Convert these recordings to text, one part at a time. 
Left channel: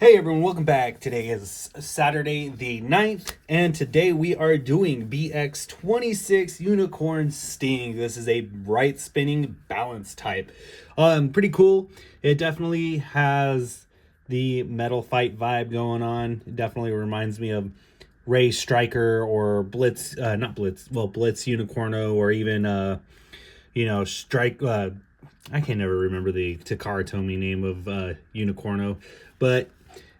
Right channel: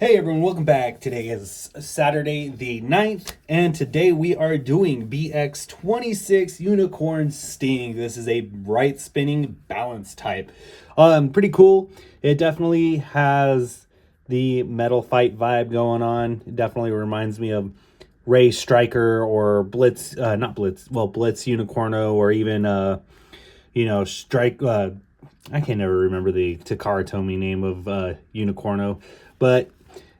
Hey everyone, welcome back. Today is Saturday the 9th, and today we are doing BX26 Unicorn Sting. This is a right spinning balance type. Pretty cool. It definitely has the metal fight vibe going on. It definitely reminds me of Ray Striker or Blitz, not Blitz, well, Blitz Unicorno, or even, Strike, I can never remember the Takara Tomy name of Unicorno, but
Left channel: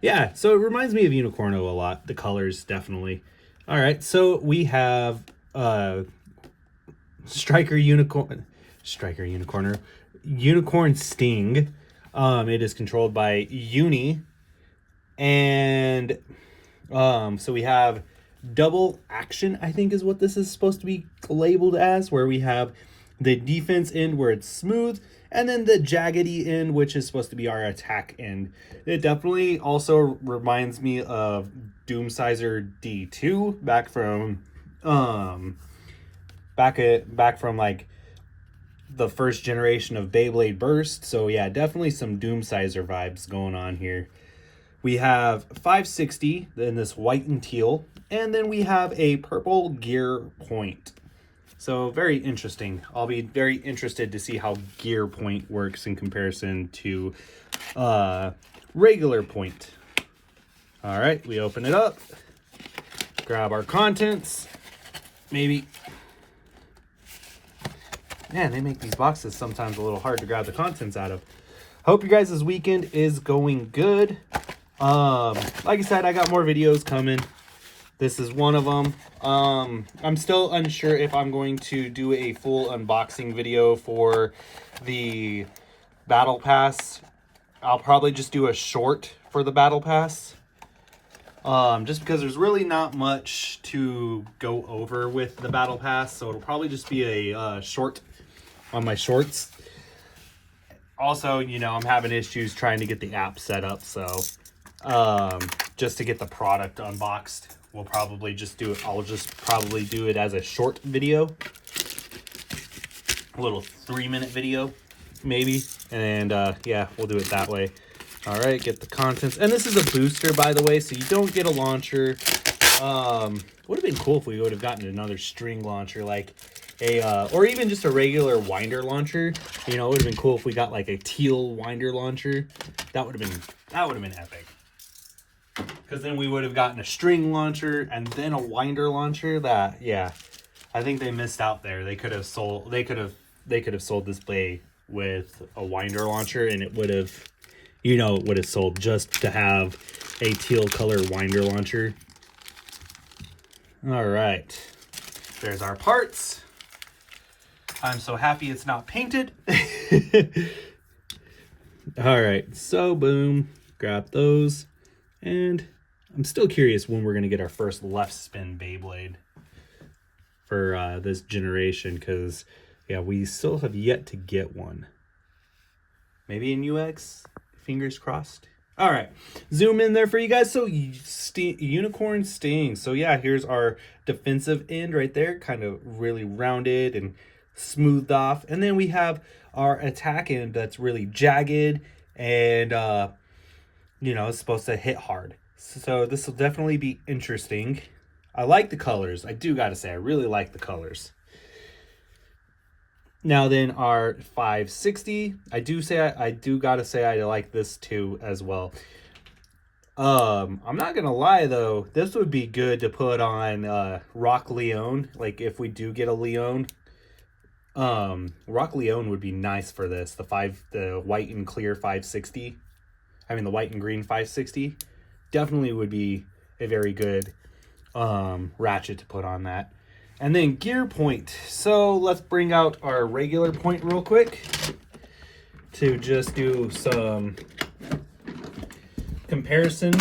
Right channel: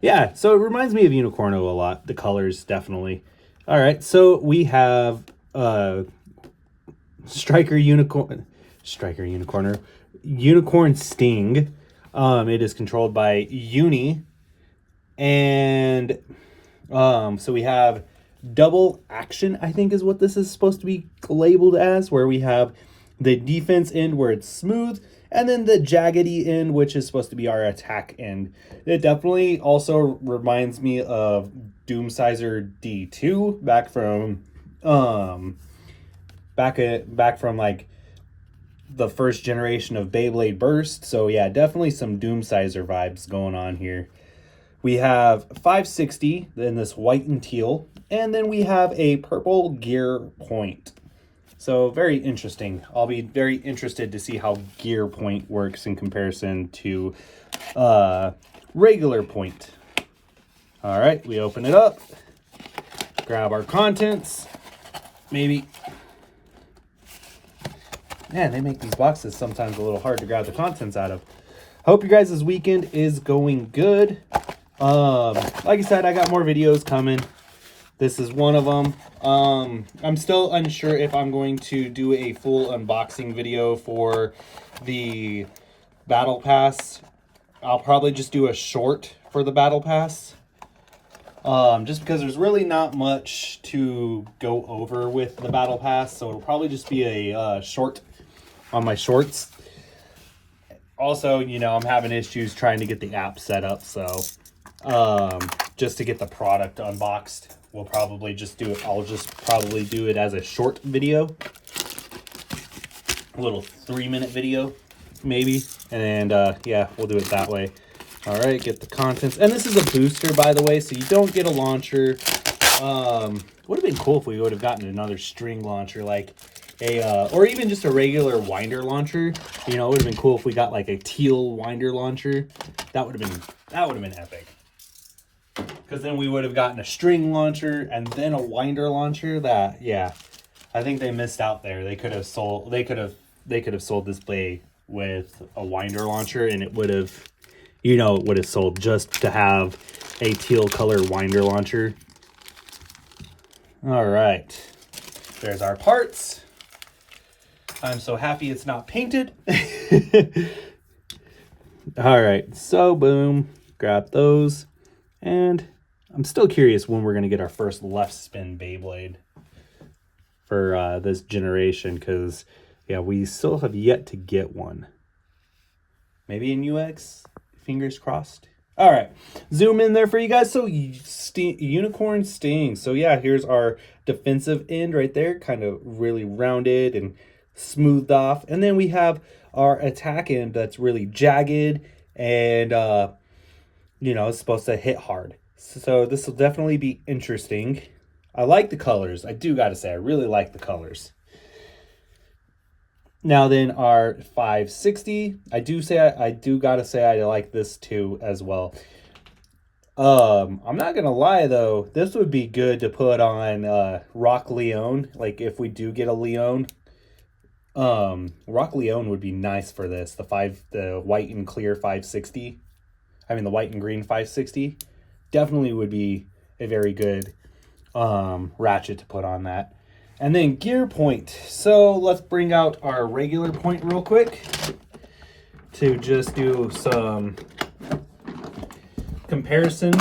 yeah, so it reminds me of Unicorno a lot. The colors, definitely. All right, so we have Striker Unicorn, Striker Unicorner, Unicorn Sting. It is controlled by Uni, and so we have double action, I think is what this is supposed to be labeled as, where we have the defense end where it's smooth, and then the jaggedy end, which is supposed to be our attack end. It definitely also reminds me of Doomsizer D2 back from like the first generation of Beyblade Burst. So yeah, definitely some Doomsizer vibes going on here. We have 560 in this white and teal, and then we have a purple gear point. So very interesting. I'll be very interested to see how gear point works in comparison to regular point. All right, we open it up, grab our contents, maybe. Man, they make these boxes sometimes a little hard to grab the contents out of. Hope your guys' weekend is going good. Like I said, I got more videos coming. This is one of them. I'm still unsure if I'm going to do a full unboxing video for the Battle Pass. I'll probably just do a short for the Battle Pass. Just because there's really not much to go over with the Battle Pass, so it'll probably just be a short on my shorts. Also, I'm having issues trying to get the app set up, so just to get the product unboxed, we'll probably just do it. I'll just probably do it as a short video, a little 3-minute video, maybe, and yeah, we'll do it that way. All right, get the contents, and this is a booster, by the way, so you don't get a launcher. Would have been cool if we would have gotten another string launcher, like a or even just a regular winder launcher. It would have been cool if we got like a teal winder launcher. That would have been epic. Because then we would have gotten a string launcher and then a winder launcher. I think they missed out there. They could have sold this play with a winder launcher, and it would have, it would have sold just to have a teal color winder launcher. All right, there's our parts. I'm so happy it's not painted. All right, so boom, grab those. And I'm still curious when we're going to get our first left spin Beyblade for this generation, because, yeah, we still have yet to get one. Maybe in UX? Fingers crossed. All right, zoom in there for you guys. So Unicorn Sting. So yeah, here's our defensive end right there, kind of really rounded and smoothed off. And then we have our attack end that's really jagged and it's supposed to hit hard. So this will definitely be interesting. I like the colors. I do gotta say, I really like the colors. Now then, our 560. I do gotta say I like this too as well. I'm not gonna lie though, this would be good to put on Rock Leone. Like if we do get a Leone, Rock Leone would be nice for this. The white and clear 560. The white and green 560 definitely would be a very good ratchet to put on that. And then gear point. So let's bring out our regular point real quick to just do some comparison.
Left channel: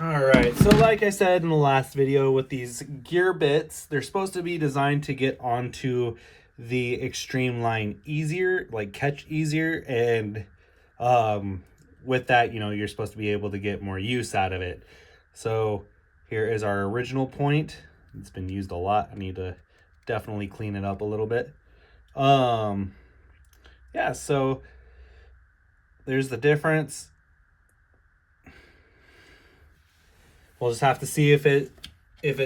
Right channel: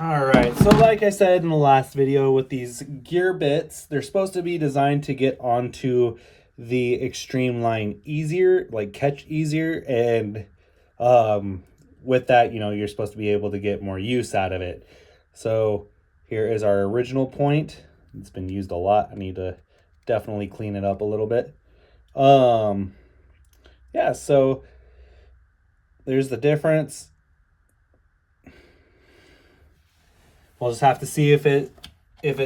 All right, so like I said in the last video, with these gear bits, they're supposed to be designed to get onto the extreme line easier, like catch easier, and with that, you're supposed to be able to get more use out of it. So here is our original point. It's been used a lot. I need to definitely clean it up a little bit. Yeah, so there's the difference. We'll just have to see if it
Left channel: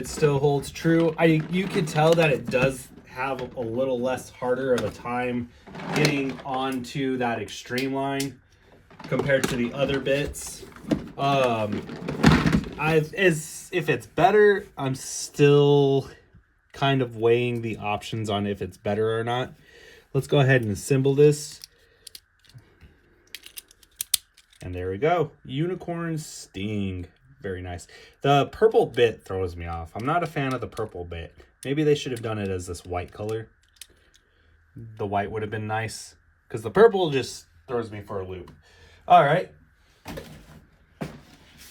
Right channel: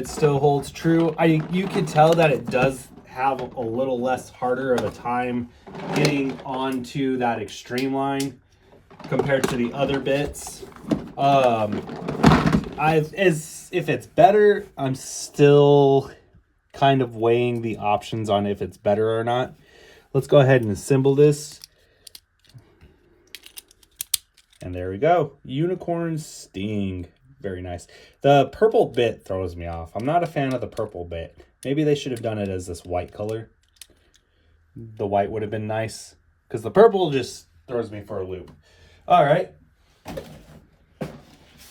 still holds true. You could tell that it does have a little less harder of a time getting onto that extreme line compared to the other bits. If it's better, I'm still kind of weighing the options on if it's better or not. Let's go ahead and assemble this. And there we go. Unicorn Sting. Very nice. The purple bit throws me off. I'm not a fan of the purple bit. Maybe they should have done it as this white color. The white would have been nice, because the purple just throws me for a loop. All right.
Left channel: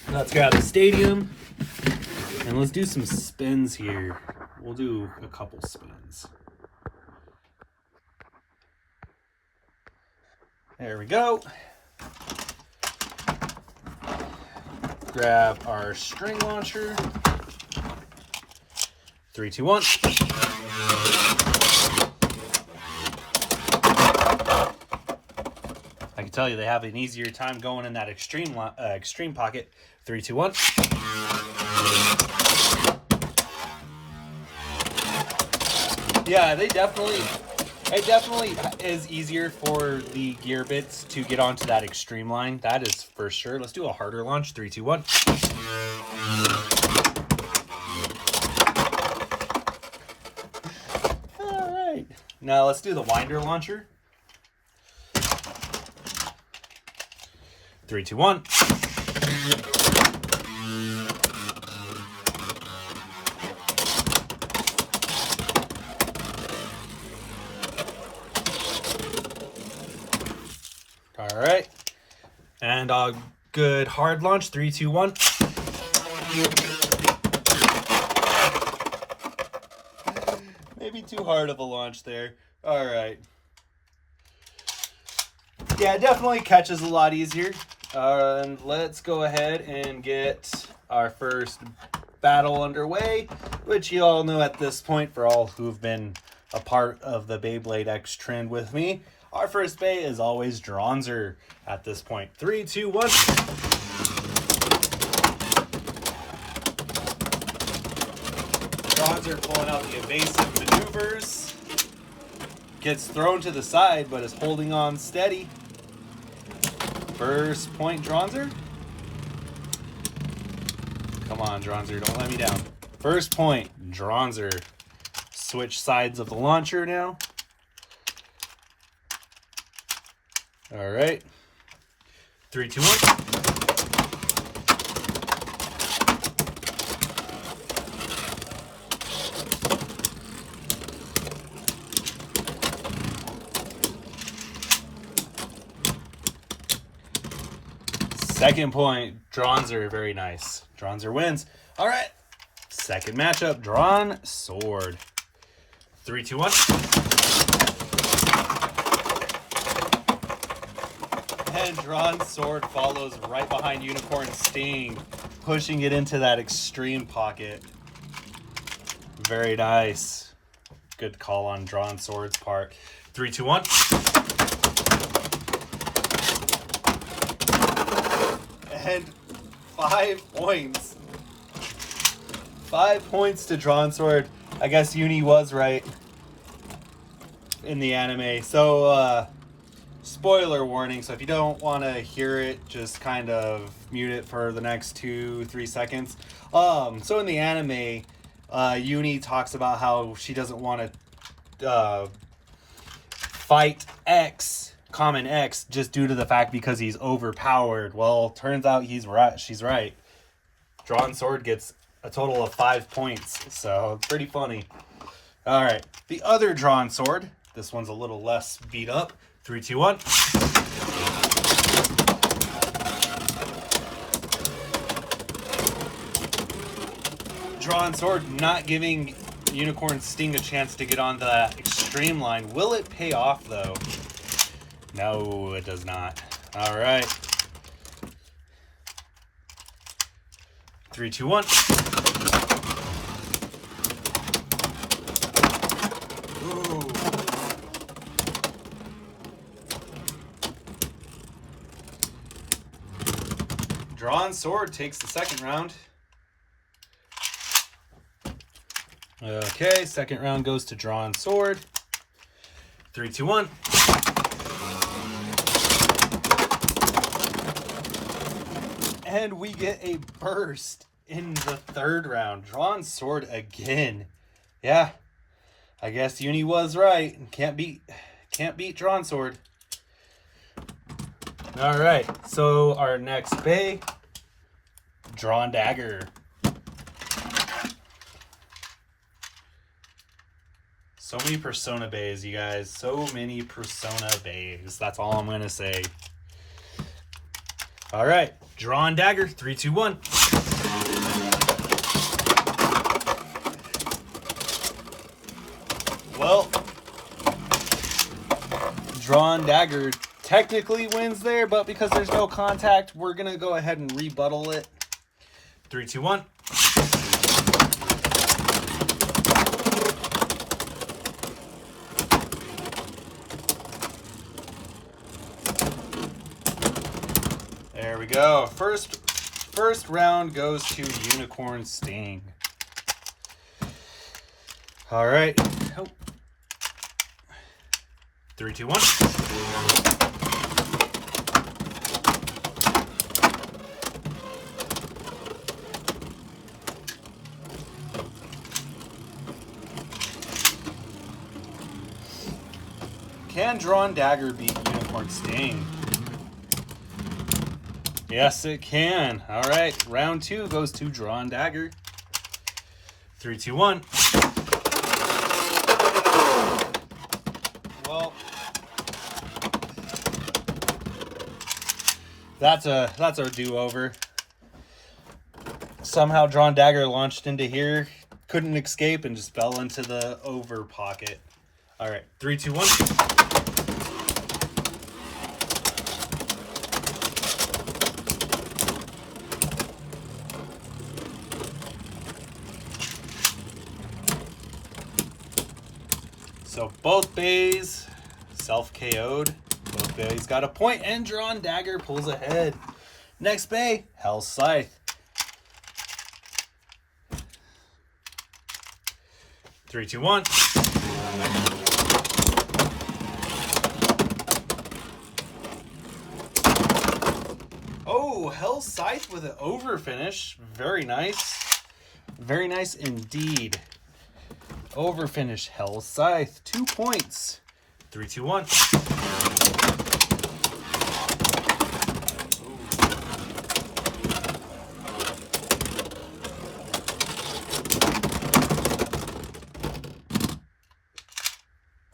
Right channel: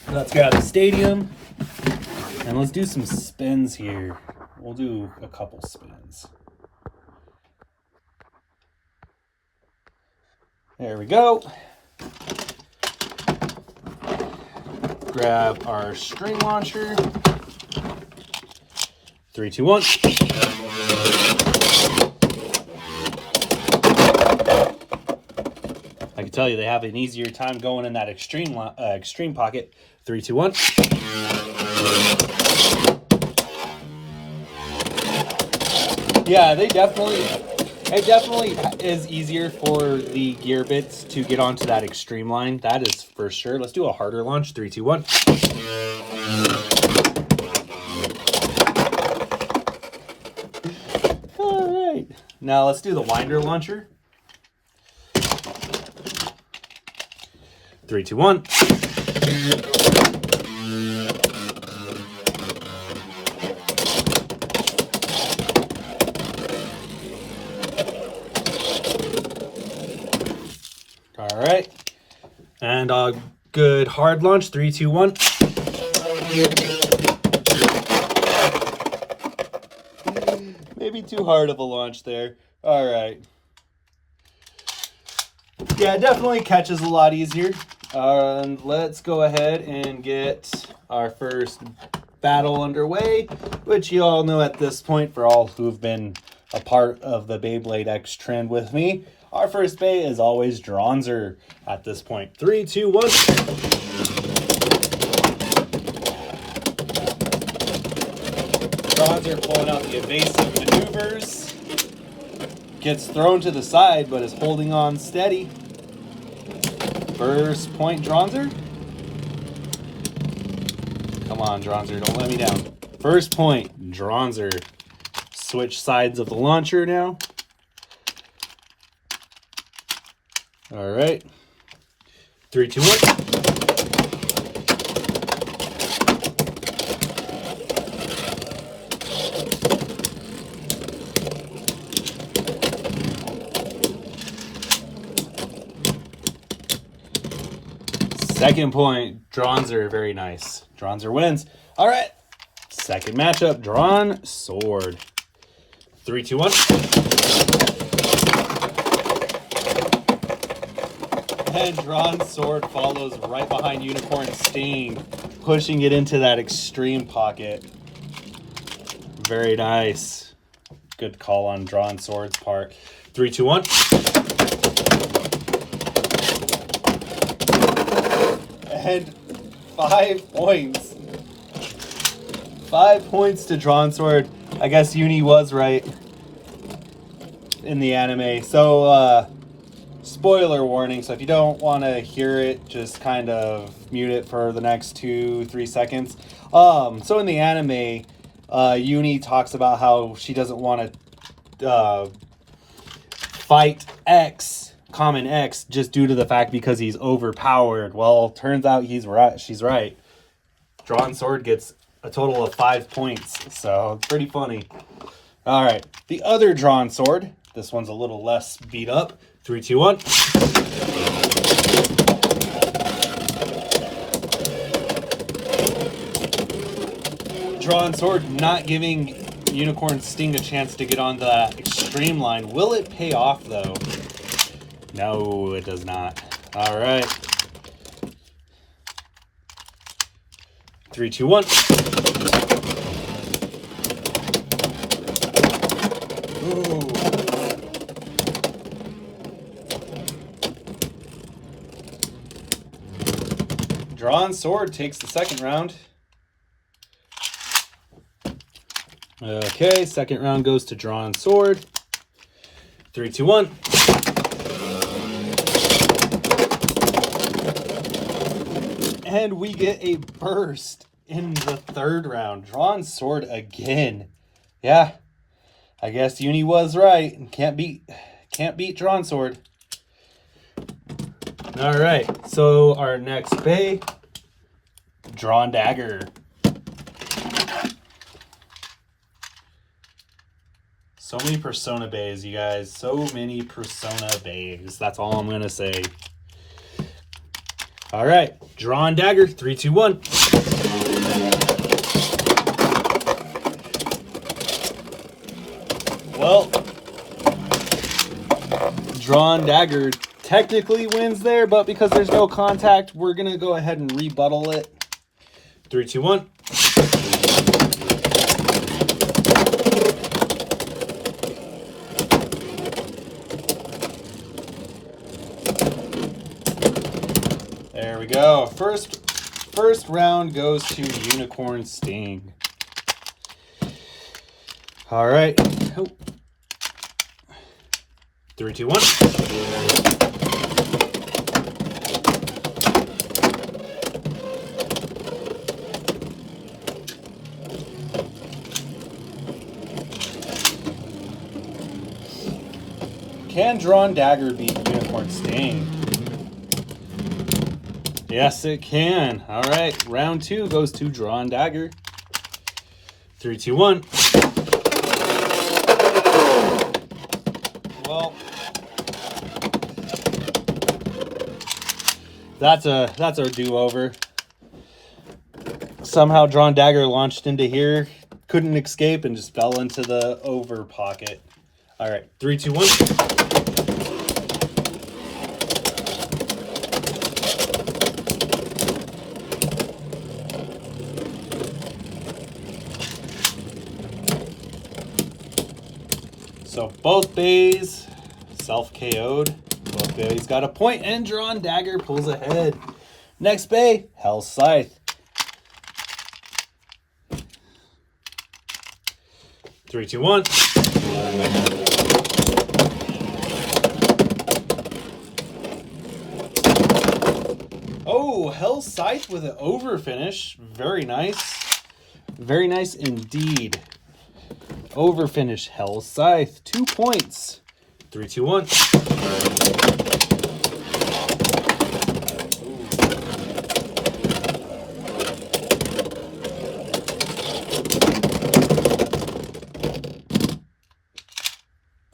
Let's go to the stadium. And let's do some spins here. We'll do a couple spins. There we go. Grab our string launcher. 3, 2, 1. I can tell you they have an easier time going in that extreme pocket. 3, 2, 1. Yeah, it definitely is easier for the gear bits to get onto that extreme line. That is for sure. Let's do a harder launch. 3, 2, 1. All right. Now let's do the winder launcher. 3, 2, 1. All right. And a good hard launch. 3, 2, 1. Maybe too hard of a launch there. All right. Yeah, it definitely catches a lot easier. Let's go ahead and get our first battle underway, which you all know at this point, for all who've been a part of the Beyblade X trend with me. Our first bay is always Dronzer at this point. 3, 2, 1. Dronzer pulling out the evasive maneuvers. Gets thrown to the side, but is holding on steady. First point, Dronzer. Come on, Dronzer, don't let me down. First point, Dronzer. Switch sides of the launcher now. All right. 3, 2, 1. Second point, Dronzer. Very nice. Dronzer wins. All right. Second matchup, Drawn Sword. 3, 2, 1. And Drawn Sword follows right behind Unicorn Sting, pushing it into that extreme pocket. Very nice. Good call on Drawn Sword's part. 3, 2, 1. And 5 points. 5 points to Drawn Sword. I guess Uni was right in the anime. So, spoiler warning. So if you don't want to hear it, just kind of mute it for the next 2-3 seconds. So in the anime, Uni talks about how she doesn't want to fight Common X, just due to the fact because he's overpowered. Well, turns out he's right. She's right. Drawn Sword gets a total of 5 points, so pretty funny. All right, the other Drawn Sword. This one's a little less beat up. 3, 2, 1. Drawn Sword not giving Unicorn Sting a chance to get onto that extreme line. Will it pay off though? No, it does not. All right. 3, 2, 1. Ooh. Drawn Sword takes the second round. Okay, second round goes to drawn sword. 3, 2, 1. And we get a burst in the third round. Drawn sword again. Yeah, I guess Uni was right. Can't beat drawn sword. All right, so our next bay, drawn dagger. So many Persona bays, you guys. So many Persona bays. That's all I'm gonna say. All right, drawn dagger. 3, 2, 1. Well, drawn dagger technically wins there, but because there's no contact, we're gonna go ahead and rebuttal it. 3, 2, 1. There we go. First round goes to Unicorn Sting. All right. Oh. 3, 2, 1. Can drawn dagger beat Unicorn Sting? Yes, it can. All right, round 2 goes to drawn dagger. 3, 2, 1. Well, that's a do-over. Somehow drawn dagger launched into here, couldn't escape, and just fell into the over pocket. All right, 3, 2, 1. So both bays self-KO'd. Both bays got a point, and drawn dagger pulls ahead. Next bay, Hell's Scythe. 3, 2, 1. Oh, Hell's Scythe with an over finish. Very nice. Very nice indeed. Over finish, Hell's Scythe. 2 points. 3, 2, 1.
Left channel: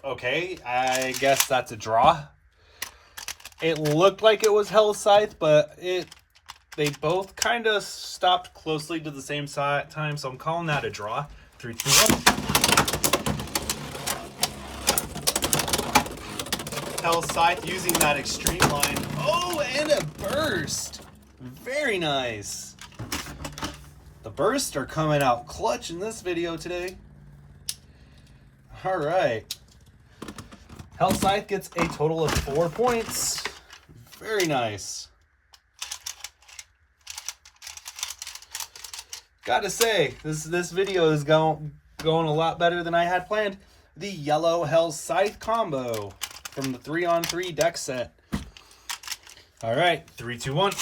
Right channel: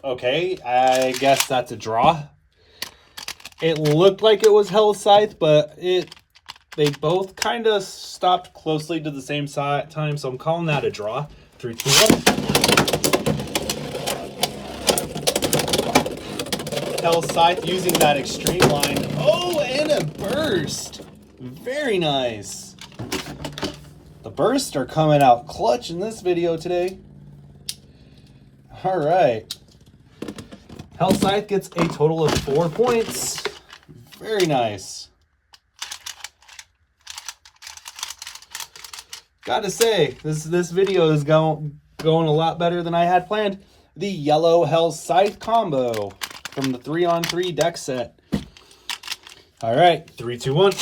Okay, I guess that's a draw. It looked like it was Hell's Scythe, but they both kind of stopped closely to the same time, so I'm calling that a draw. 3, 2, 1. Hell's Scythe using that extreme line. Oh, and a burst. Very nice. The bursts are coming out clutch in this video today. All right. Hell's Scythe gets a total of 4 points. Very nice. Gotta say, this video is going a lot better than I had planned. The yellow Hell's Scythe combo from the 3-on-3 deck set. All right, 3, 2, 1.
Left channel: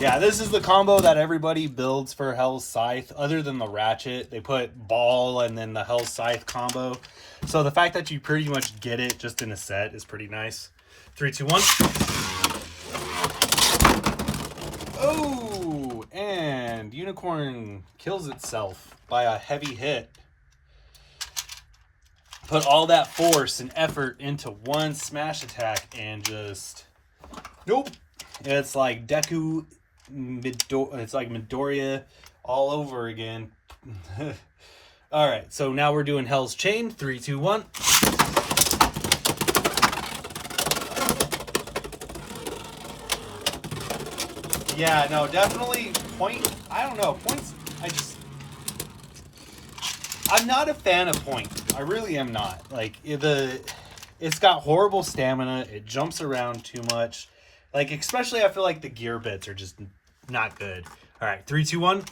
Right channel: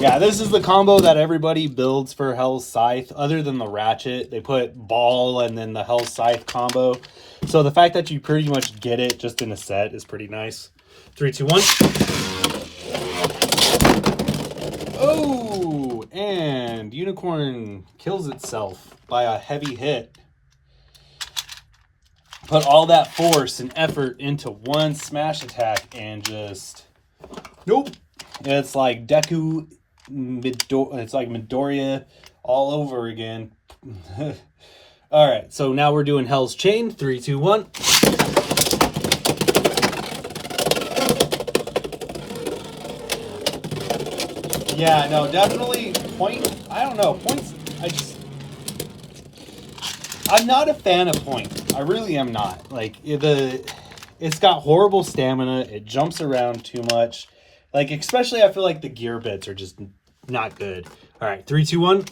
Yeah, this is the combo that everybody builds for Hell's Scythe. Other than the Ratchet, they put Ball and then the Hell's Scythe combo. So the fact that you pretty much get it just in a set is pretty nice. 3, 2, 1. Oh, and Unicorn kills itself by a heavy hit. Put all that force and effort into one smash attack and just... Nope. It's like Deku... it's like Midoriya all over again. All right, so now we're doing Hell's Chain. 3, 2, 1. Yeah, no, definitely point. I don't know, points. I'm not a fan of point. I really am not. Like, it's got horrible stamina. It jumps around too much. Like, especially I feel like the gear bits are just not good. All right, 3, 2, 1.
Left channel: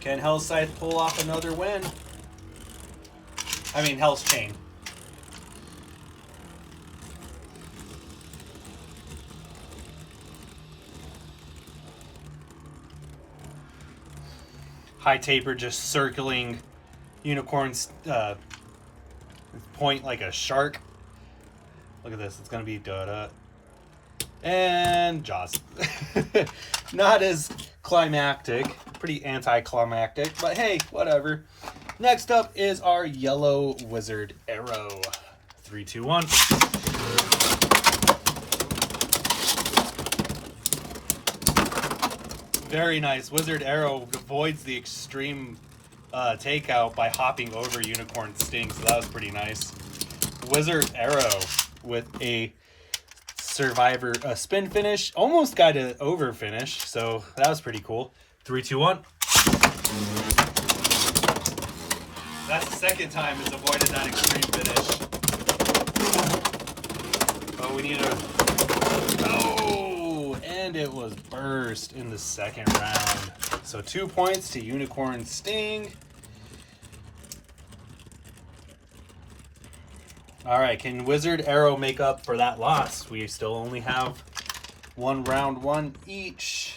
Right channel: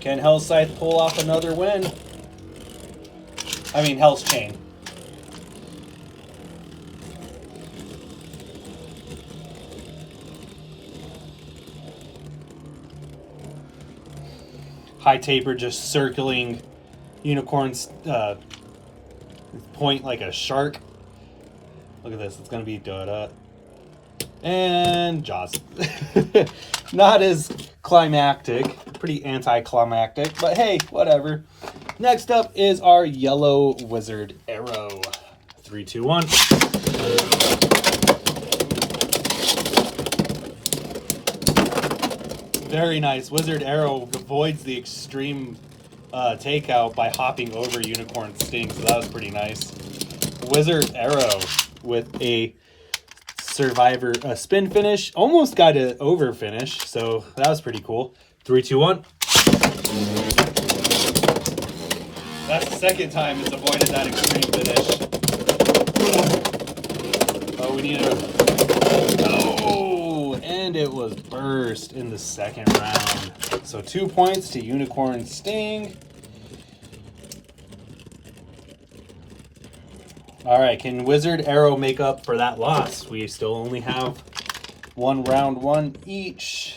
Can Hell's Scythe pull off another win? I mean, Hell's Chain. High Taper just circling Unicorn's point like a shark. Look at this. It's going to be da-da. And Jaws. Not as climactic. Pretty anticlimactic. But hey, whatever. Next up is our yellow wizard arrow. 3, 2, 1. Very nice. Wizard arrow avoids the extreme takeout by hopping over Unicorn Sting. So that was pretty nice. Wizard arrow with a survivor spin finish. Almost got an over finish. So that was pretty cool. 3, 2, 1. That's the second time it's avoided that extreme finish. Oh, we need a... Oh, and it was burst in the second round. So 2 points to Unicorn Sting. All right, can Wizard Arrow make up for that loss? We still only have one round one each.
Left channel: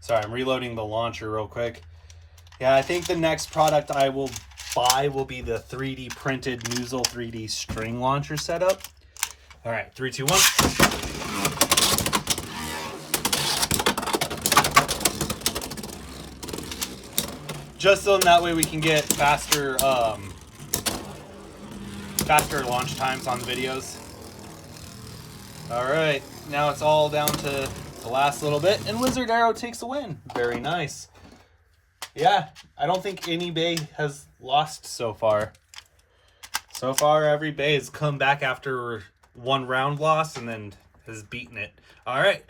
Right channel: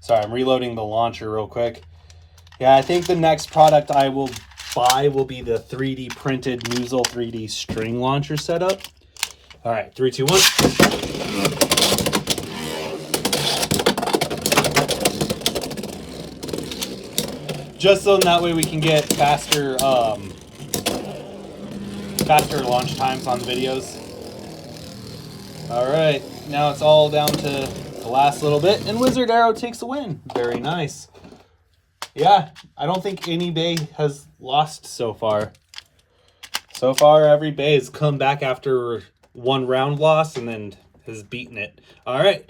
Sorry, I'm reloading the launcher real quick. Yeah, I think the next product I will buy will be the 3D printed Noozle 3D string launcher setup. All right, 3, 2, 1. Just so that way we can get faster launch times on videos. All right, now it's all down to the last little bit, and Wizard Arrow takes the win. Very nice. Yeah, I don't think any bay has lost so far. So far, every bay has come back after one round loss and then has beaten it. All right,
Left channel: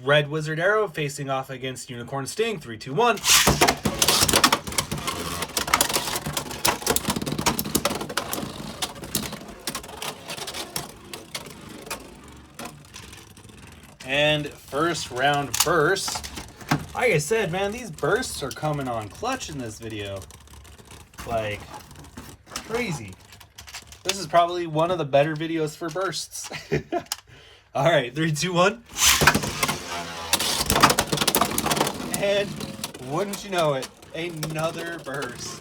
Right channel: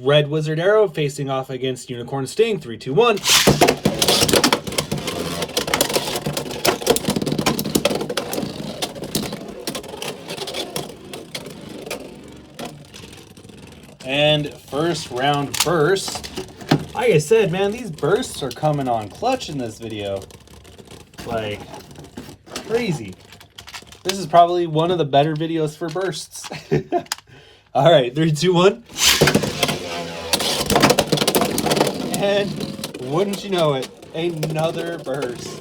Red Wizard Arrow facing off against Unicorn Sting. 3, 2, 1. And first round burst. Like I said, man, these bursts are coming on clutch in this video. Like, crazy. This is probably one of the better videos for bursts. All right, 3, 2, 1. And wouldn't you know it, another burst.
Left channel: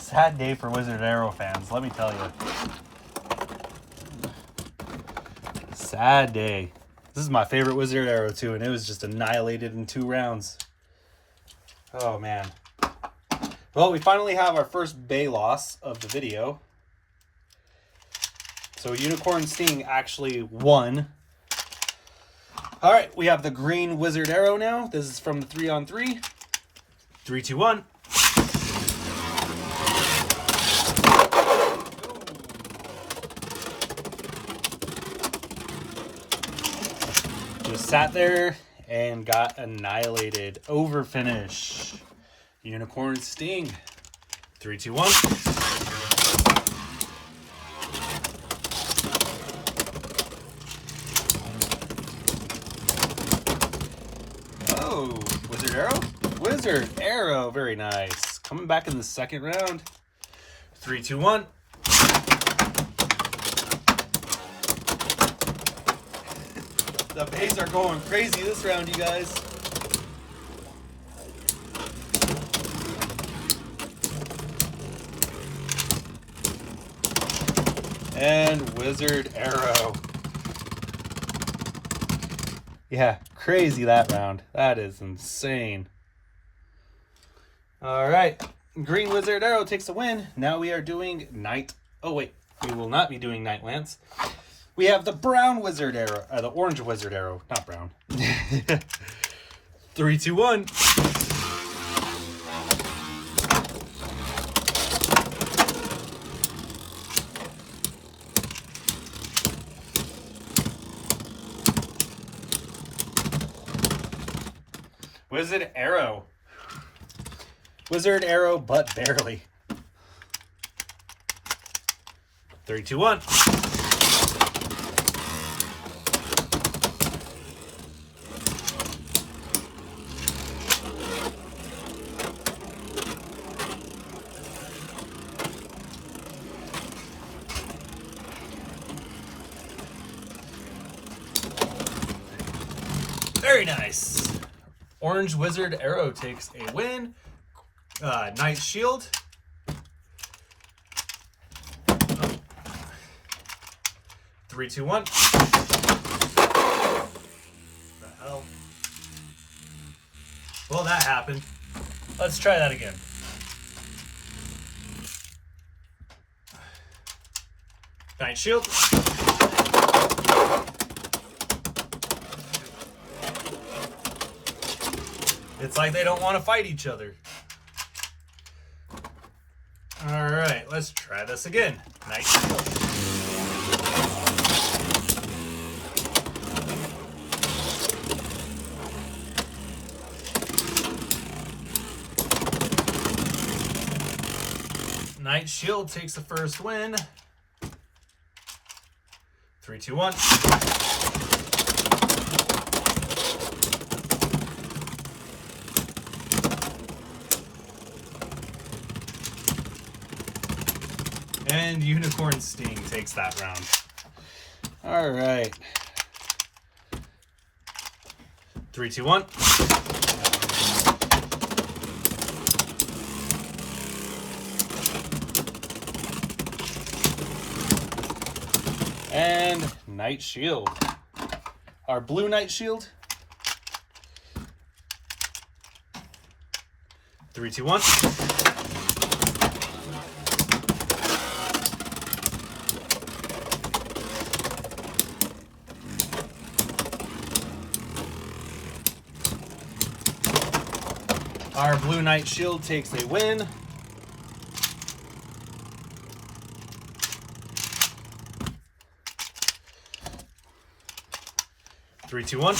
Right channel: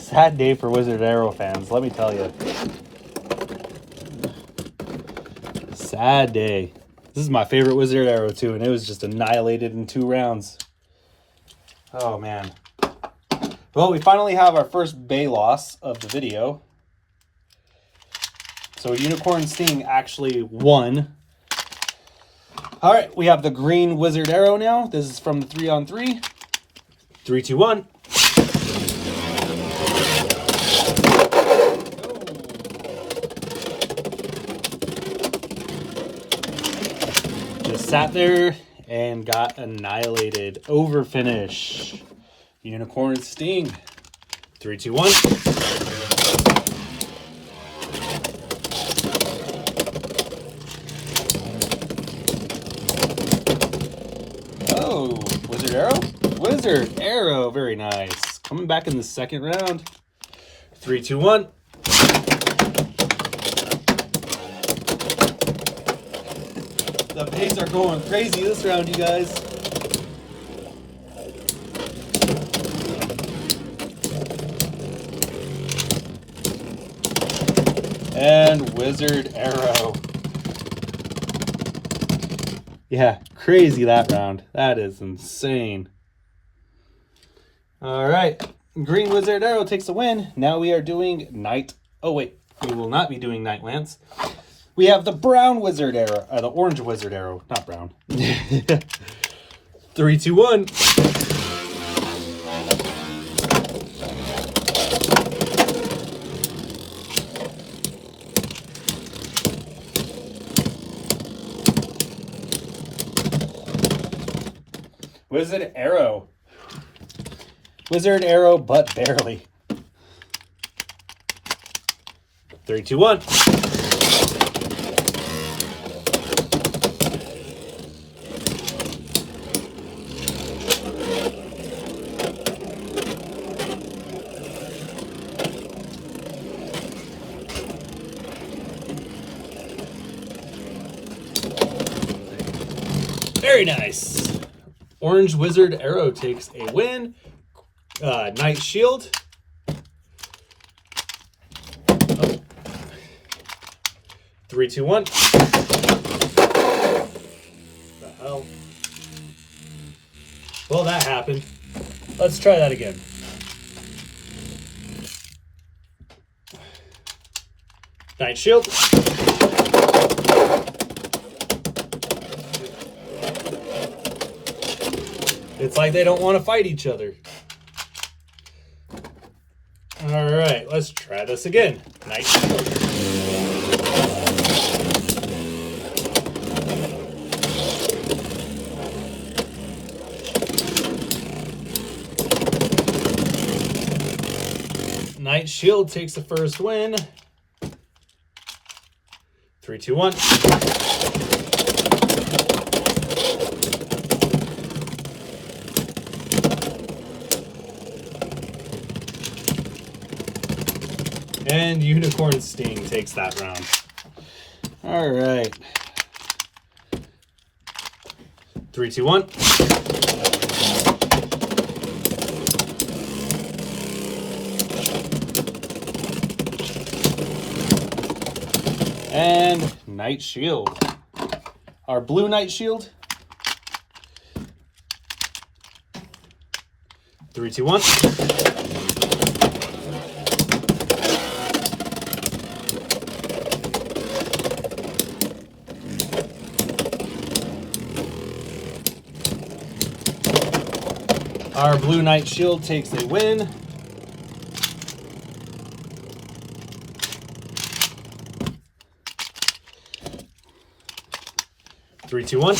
Sad day for Wizard Arrow fans, let me tell you. Sad day. This is my favorite Wizard Arrow too, and it was just annihilated in 2 rounds. Oh man. Well, we finally have our first bay loss of the video. So Unicorn Sting actually won. All right, we have the green Wizard Arrow now. This is from the 3-on-3. 3, 2, 1. Just sat there and got annihilated. Over finish. Unicorn Sting. 3, 2, 1. Oh, Wizard Arrow? Wizard Arrow, very nice. Coming back in the second round. 3, 2, 1. The bays are going crazy this round, you guys. And Wizard Arrow. Yeah, crazy that round. That is insane. All right, green Wizard Arrow takes the win. Now we are doing Night. Oh wait, we will not be doing Night Lance. We have the brown Wizard Arrow, the orange Wizard Arrow, not brown. 3, 2, 1. Wizard Arrow. Wizard Arrow, but barely. 3, 2, 1. Very nice. Orange Wizard Arrow takes a win. Knight Shield. Oh. 3, 2, 1. What the hell? Well, that happened. Let's try that again. Knight Shield. It's like they don't want to fight each other. All right, let's try this again. Knight Shield. Knight Shield takes the first win. 3, 2, 1. And Unicorn Sting takes that round. All right. 3, 2, 1. And Knight Shield. Our blue Knight Shield. 3, 2, 1. Our blue Knight Shield takes a win. Three, two, one.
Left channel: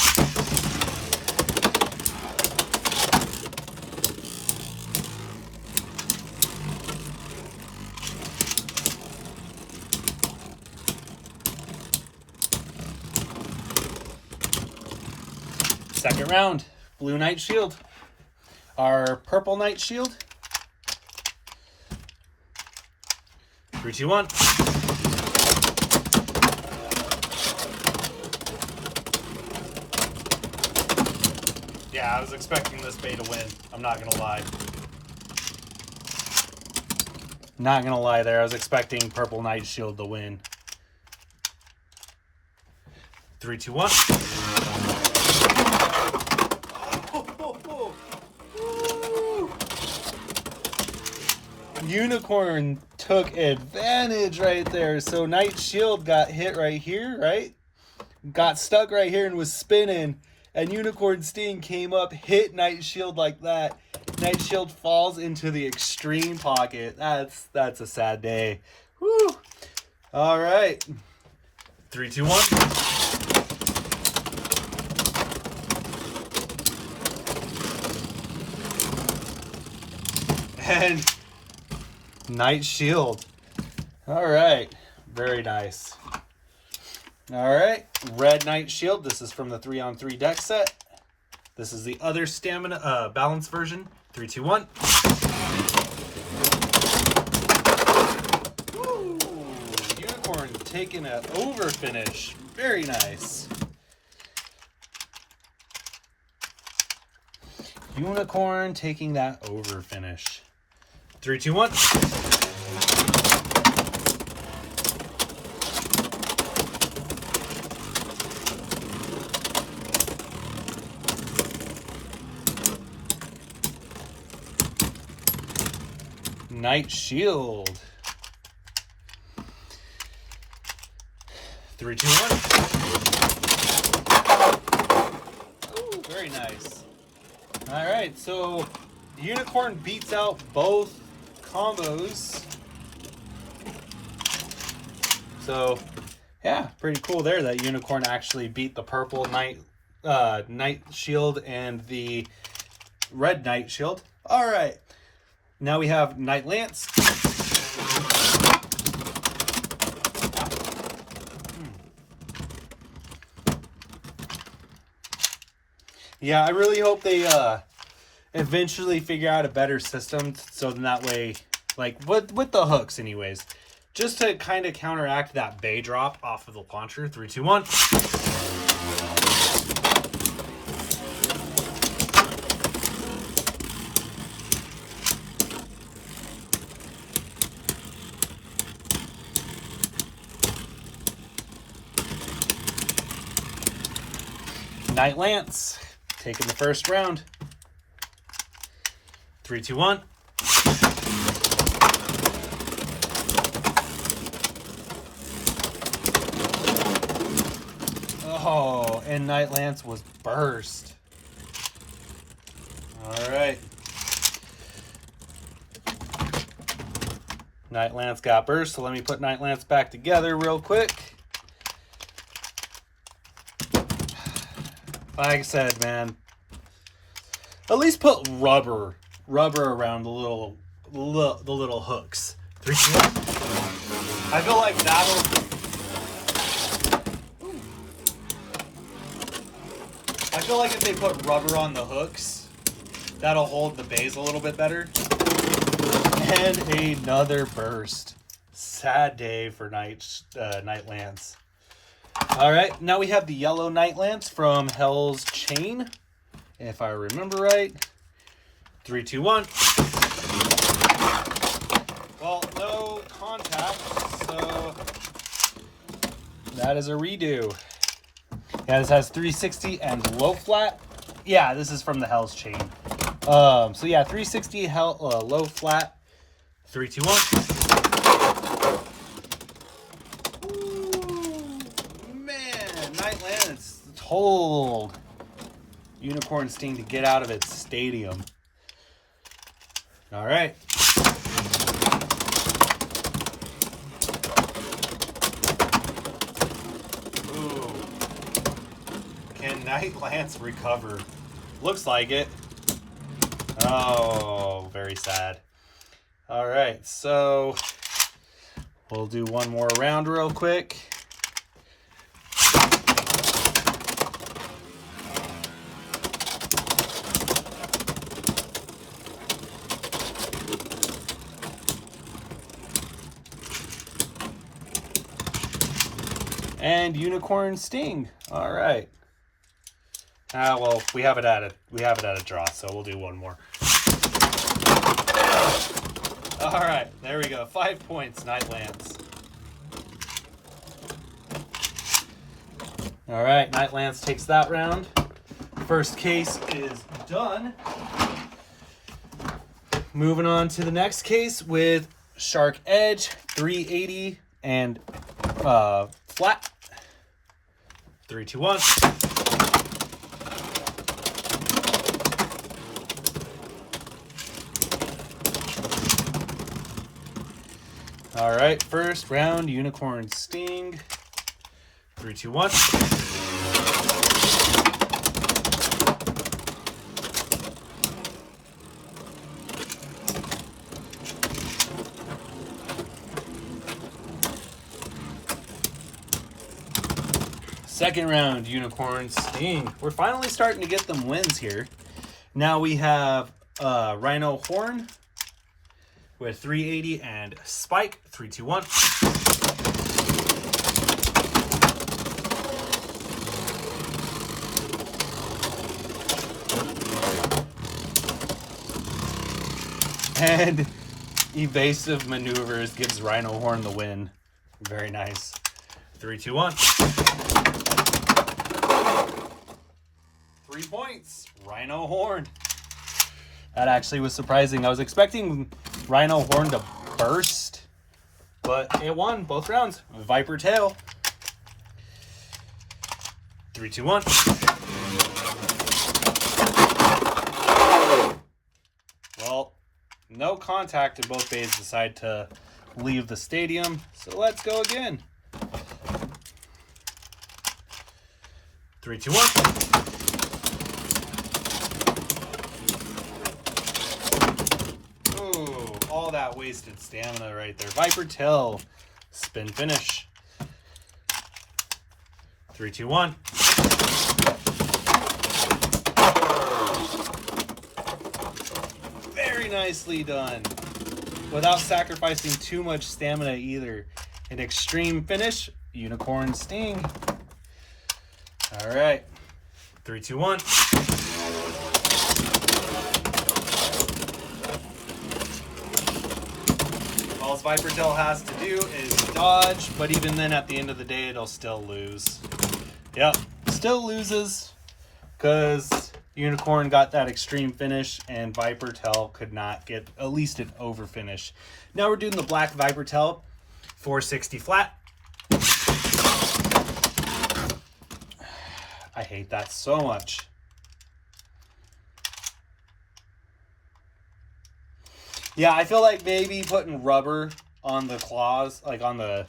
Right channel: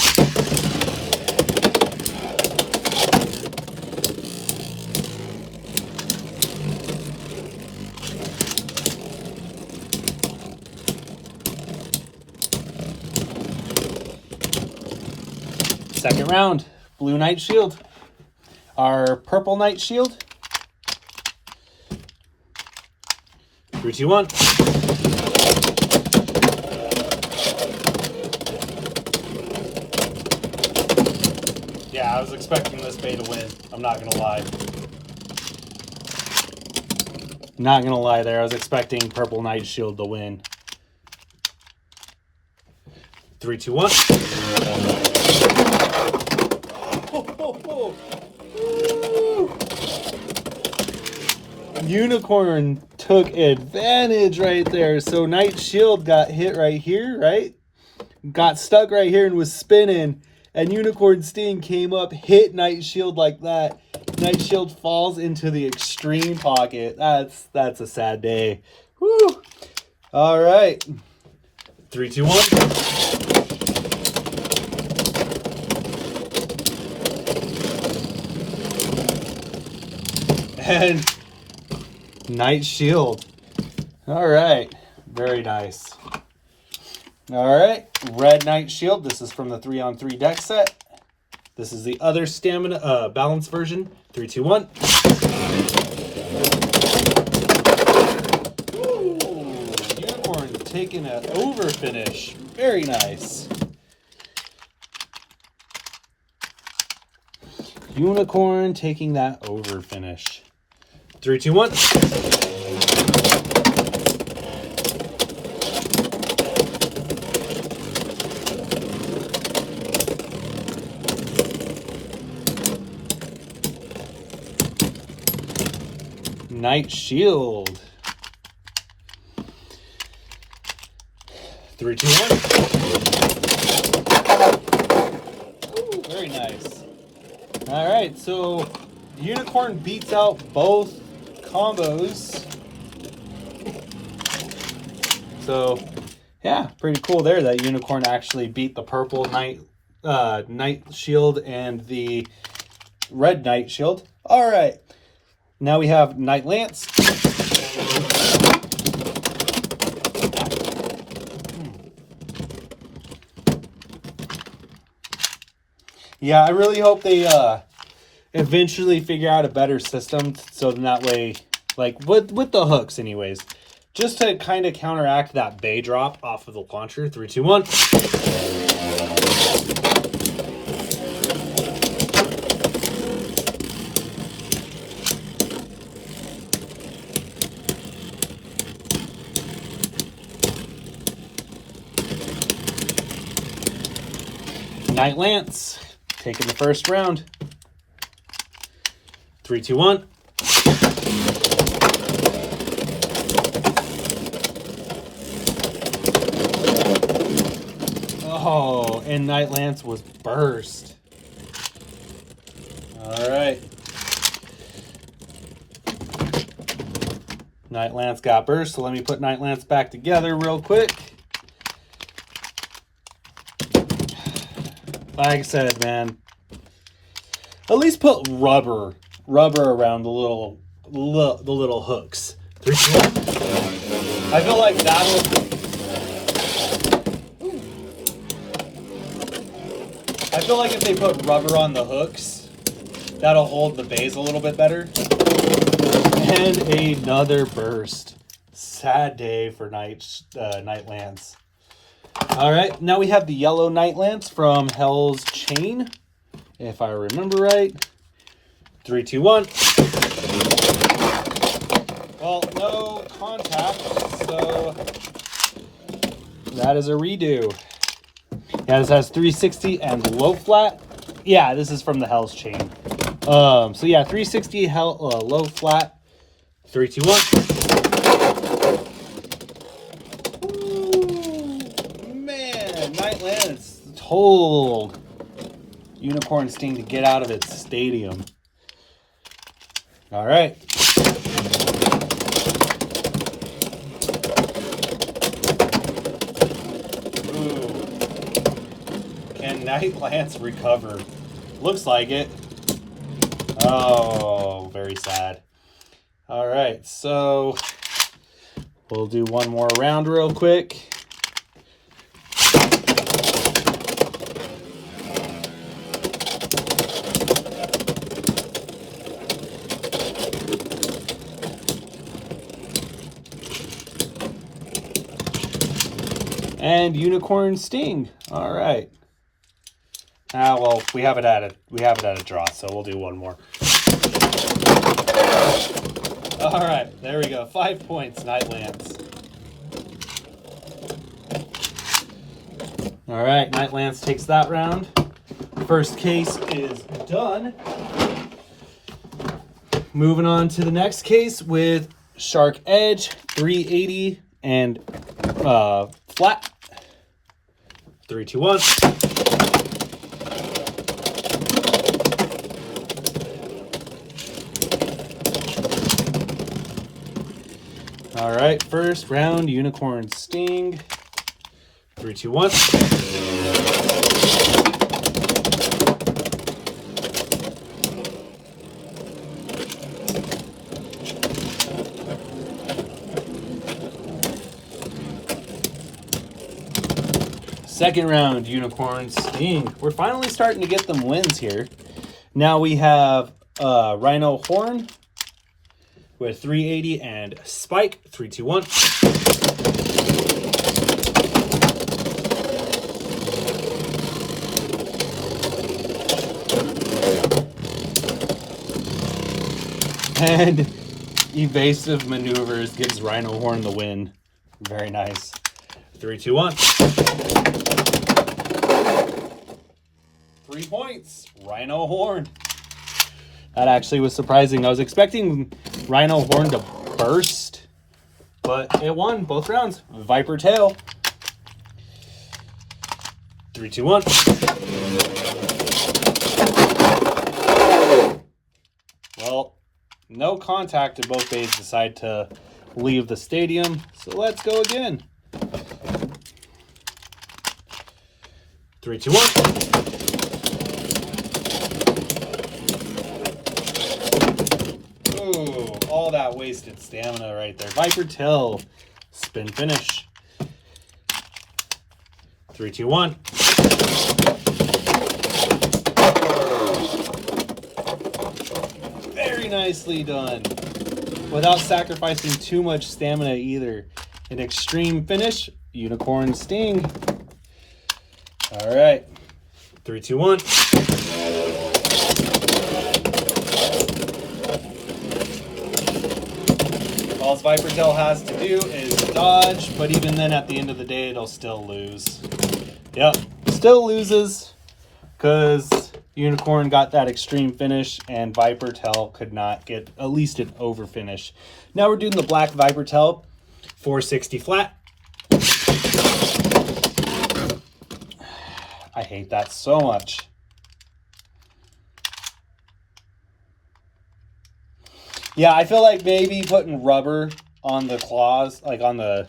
Second round, blue Knight Shield. Our purple Knight Shield. 3, 2, 1. Yeah, I was expecting this bay to win. I'm not gonna lie. Not gonna lie there. I was expecting purple Knight Shield to win. 3, 2, 1. Unicorn took advantage right there. So Knight Shield got hit right here, right? Got stuck right here and was spinning. And Unicorn Sting came up, hit Knight Shield like that. Knight Shield falls into the extreme pocket. That's a sad day. Woo! All right. 3, 2, 1. And Knight Shield. All right. Very nice. All right. Red Knight Shield. This is from the 3-on-3 deck set. This is the other stamina balance version. 3, 2, 1. Ooh, Unicorn taking an over finish. Very nice. Unicorn taking that over finish. 3, 2, 1. Knight Shield. 3, 2, 1. Ooh, very nice. All right, so Unicorn beats out both combos. So yeah, pretty cool there that Unicorn actually beat the purple Knight Shield and the red Night Shield. All right. Now we have Night Lance. Yeah, I really hope they eventually figure out a better system so then that way, like with the hooks anyways, just to kind of counteract that bay drop off of the launcher. 3, 2, 1. Night Lance, taking the first round. 3, 2, 1. Oh, and Night Lance was burst. All right. Night Lance got burst, so let me put Night Lance back together real quick. Like I said, man, at least put rubber around the little hooks. 3, 2, 1. I feel like if they put rubber on the hooks, that'll hold the bays a little bit better. And another burst. Sad day for Night Lance. All right, now we have the yellow Night Lance from Hell's Chain, if I remember right. 3, 2, 1. Well, no contact, so that is a redo. Yeah, this has 360 and low flat. Yeah, this is from the Hell's Chain. So yeah, 360 low flat. 3, 2, 1. Night Lance told Unicorn Sting to get out of its stadium. All right. Ooh. Can Night Lance recover? Looks like it. Oh, very sad. All right, so we'll do one more round real quick. And Unicorn Sting. All right. Well, we have it at a draw, so we'll do one more. All right, there we go. 5 points, Night Lance. All right, Night Lance takes that round. First case is done. Moving on to the next case with Shark Edge, 380 and flat. 3, 2, 1. All right, first round, Unicorn Sting. 3, 2, 1. Second round, Unicorn Sting. We're finally starting to get them wins here. Now we have Rhino Horn with 380 and Spike. 3, 2, 1. And Evasive Maneuvers gives Rhino Horn the win. Very nice. 3, 2, 1. 3 points. Rhino Horn. That actually was surprising. I was expecting Rhino Horn to burst, but it won both rounds. Viper Tail. 3, 2, 1. Well, no contact, and both bays decide to leave the stadium. So let's go again. 3, 2, 1. that wasted stamina right there. Viper Tail, spin finish. 3, 2, 1. Very nicely done. Without sacrificing too much stamina either. An extreme finish, Unicorn Sting. All right. 3, 2, 1. All Viper Tail has to do is dodge, but even then at the end of the day, it'll still lose. Yep, still loses because Unicorn got that extreme finish and Viper Tail could not get at least an over finish. Now we're doing the black Viper Tail, 460 flat. I hate that so much. Yeah, I feel like maybe putting rubber on the claws, like on the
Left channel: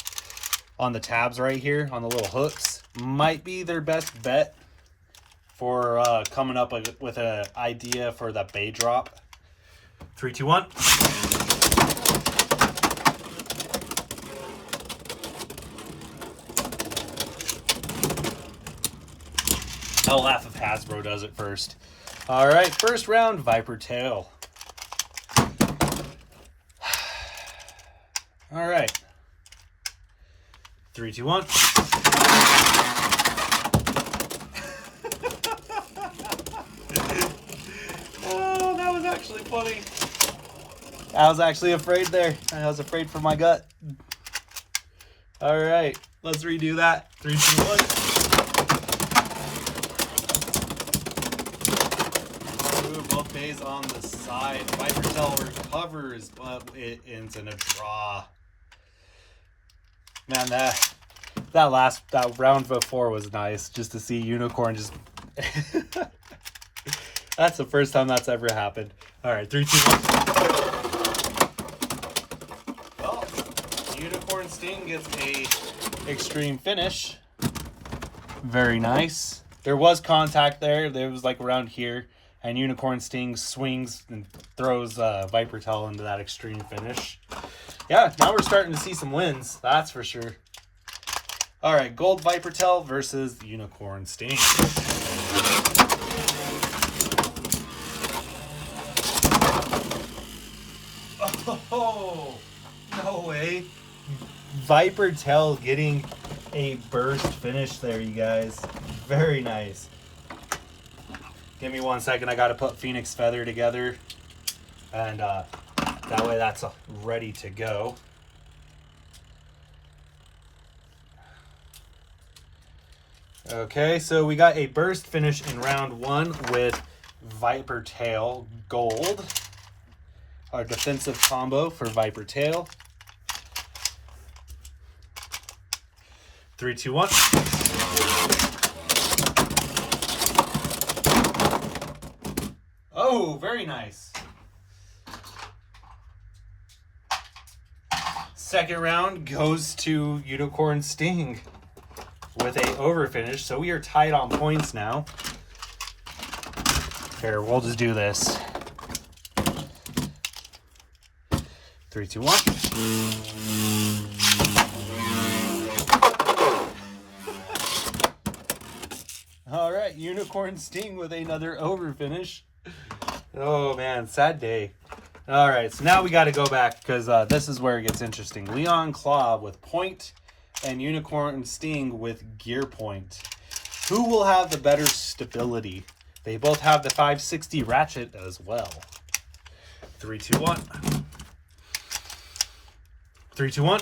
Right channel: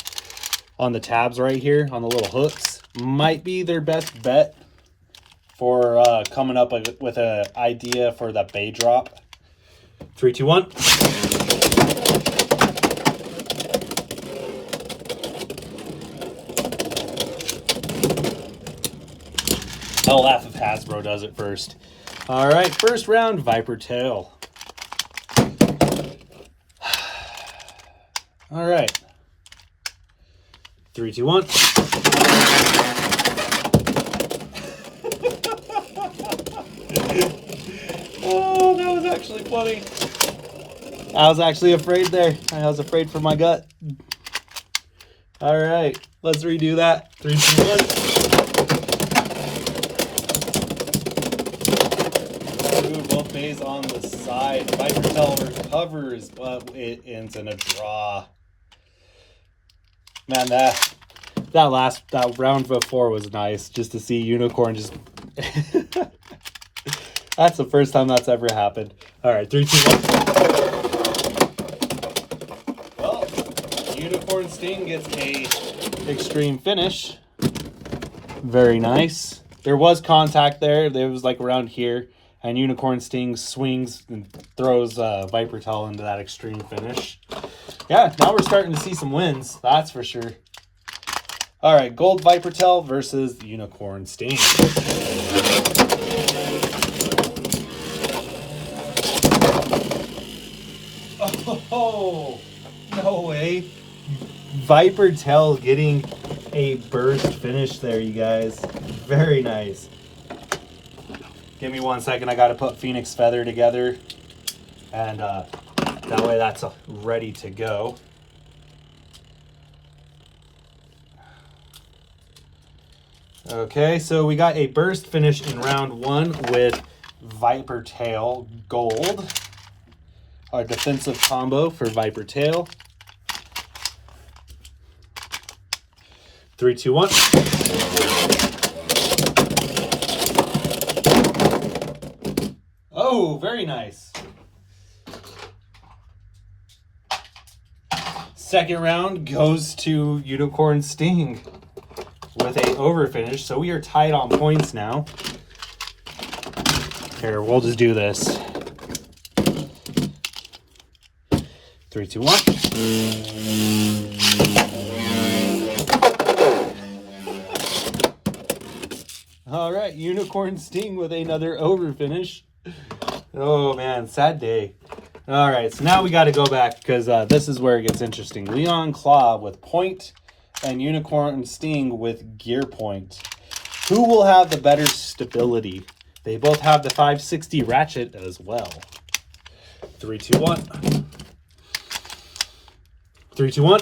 tabs right here, on the little hooks, might be their best bet for coming up with an idea for the bay drop. 3, 2, 1. I'll laugh if Hasbro does it first. All right, first round, Viper Tail. All right. 3, 2, 1. Oh, that was actually funny. I was actually afraid there. I was afraid for my gut. All right, let's redo that. 3, 2, 1. Ooh, both bays on the side. Viper Tail recovers, but it ends in a draw. Man, that round before was nice, just to see Unicorn just. That's the first time that's ever happened. All right, 3, 2, 1. Well, Unicorn Sting gets a extreme finish. Very nice. There was contact there. There was like around here, and Unicorn Sting swings and throws Viper Tail into that extreme finish. Yeah, now we're starting to see some wins. That's for sure. All right, Gold Viper Tail versus Unicorn Sting. Oh, no way. Viper Tail getting a burst finish there, you guys. Very nice. Give me 1 second. I got to put Phoenix Feather together. And that way that's ready to go. Okay, so we got a burst finish in round 1 with Viper Tail Gold. Our defensive combo for Viper Tail. 3, 2, 1. Oh, very nice. Second round goes to Unicorn Sting with a over finish. So we are tied on points now. Here, we'll just do this. 3, 2, 1. All right, Unicorn Sting with another over finish. Oh man, sad day. All right, so now we got to go back because this is where it gets interesting. Leon Claw with point and Unicorn Sting with gear point. Who will have the better stability? They both have the 560 ratchet as well. 3, 2, 1. 3, 2, 1.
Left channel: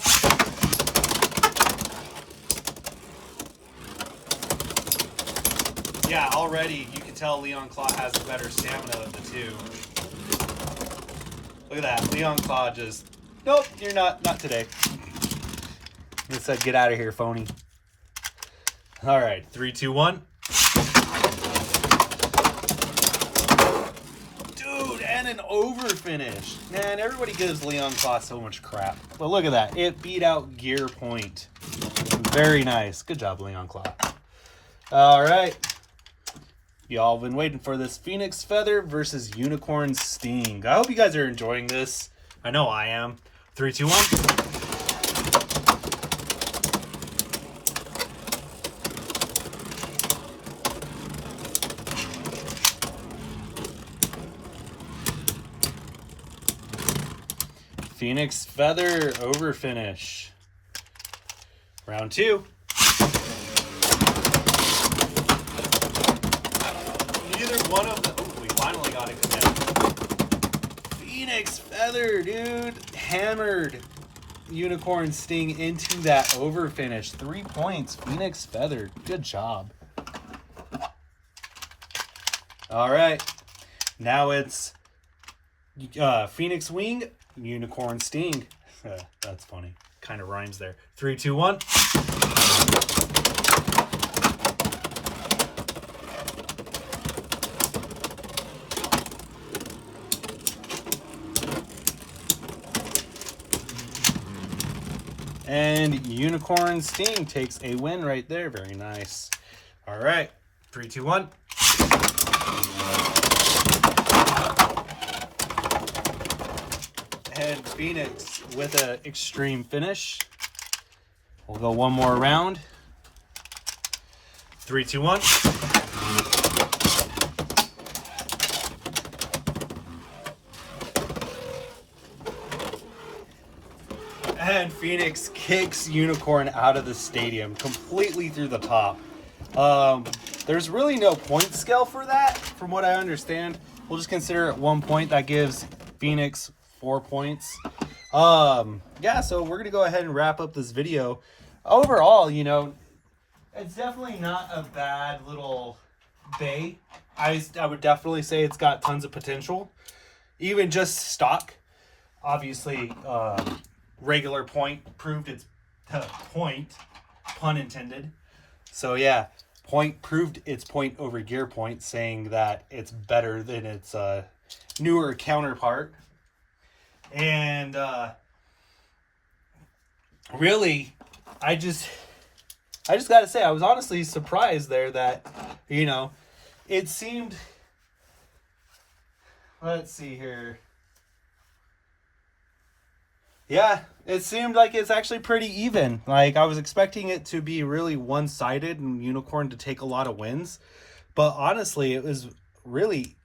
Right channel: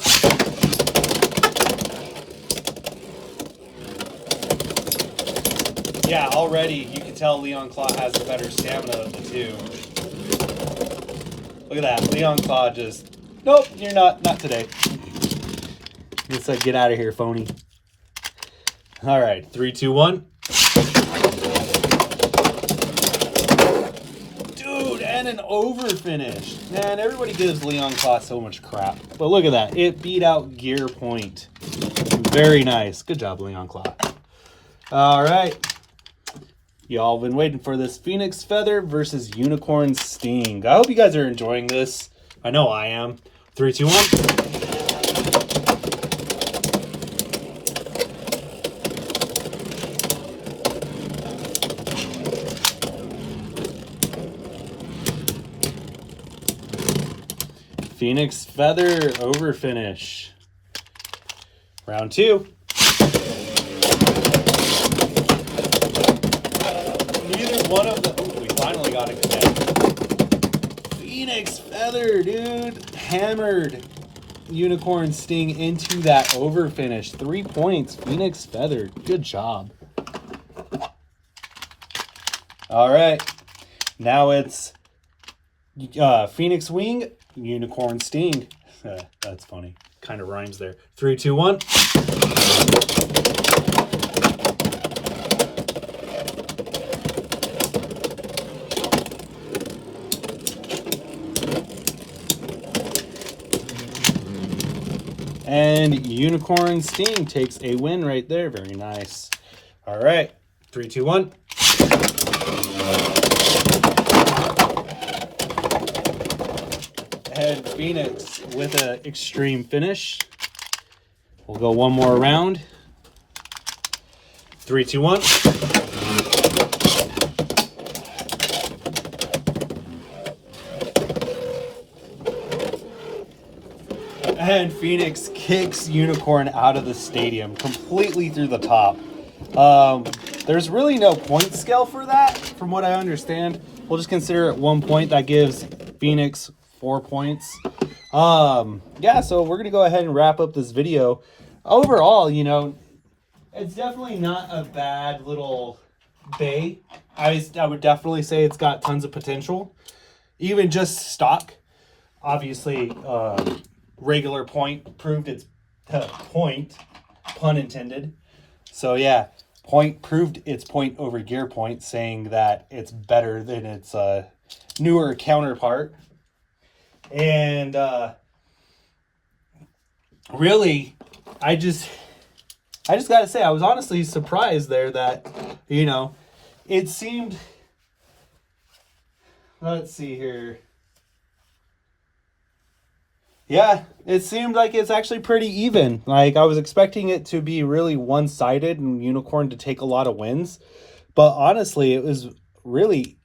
Yeah, already you can tell Leon Claw has the better stamina of the two. Look at that. Leon Claw just, nope, you're not today. He said, get out of here, phony. All right, 3, 2, 1. Dude, and an over finish. Man, everybody gives Leon Claw so much crap. But look at that. It beat out Gear Point. Very nice. Good job, Leon Claw. All right. Y'all been waiting for this Phoenix Feather versus Unicorn Sting. I hope you guys are enjoying this. I know I am. 3, 2, 1. Phoenix Feather over finish. Round 2. Neither one of them. Oh, we finally got it connected. Phoenix Feather, dude. Hammered Unicorn Sting into that over finish. 3 points. Phoenix Feather. Good job. All right. Now it's Phoenix Wing, Unicorn Sting. That's funny. Kind of rhymes there. 3, 2, 1. And Unicorn Sting takes a win right there. Very nice. All right. 3, 2, 1. And Phoenix with an extreme finish. We'll go one more round. 3, 2, 1. And Phoenix kicks Unicorn out of the stadium completely through the top. There's really no point scale for that, from what I understand. We'll just consider it 1 point. That gives Phoenix 4 points. Yeah, so we're gonna go ahead and wrap up this video. Overall, you know, it's definitely not a bad little bay. I would definitely say it's got tons of potential. Even just stock, obviously, regular point proved its point, pun intended. So yeah, point proved its point over gear point, saying that it's better than its newer counterpart. And really, I just gotta say, I was honestly surprised there that, you know, it seemed, let's see here. Yeah, it seemed like it's actually pretty even. Like, I was expecting it to be really one-sided and Unicorn to take a lot of wins. But honestly, it was really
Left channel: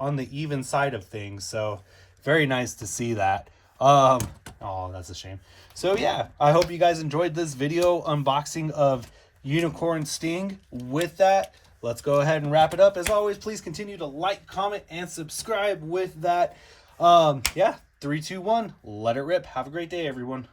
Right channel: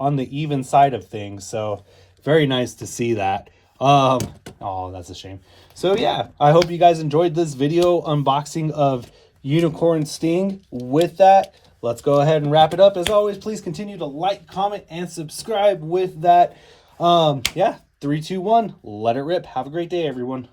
on the even side of things. So, very nice to see that. Oh, that's a shame. So, yeah, I hope you guys enjoyed this video unboxing of Unicorn Sting. With that, let's go ahead and wrap it up. As always, please continue to like, comment, and subscribe with that. Yeah. 3, 2, 1. Let it rip. Have a great day, everyone.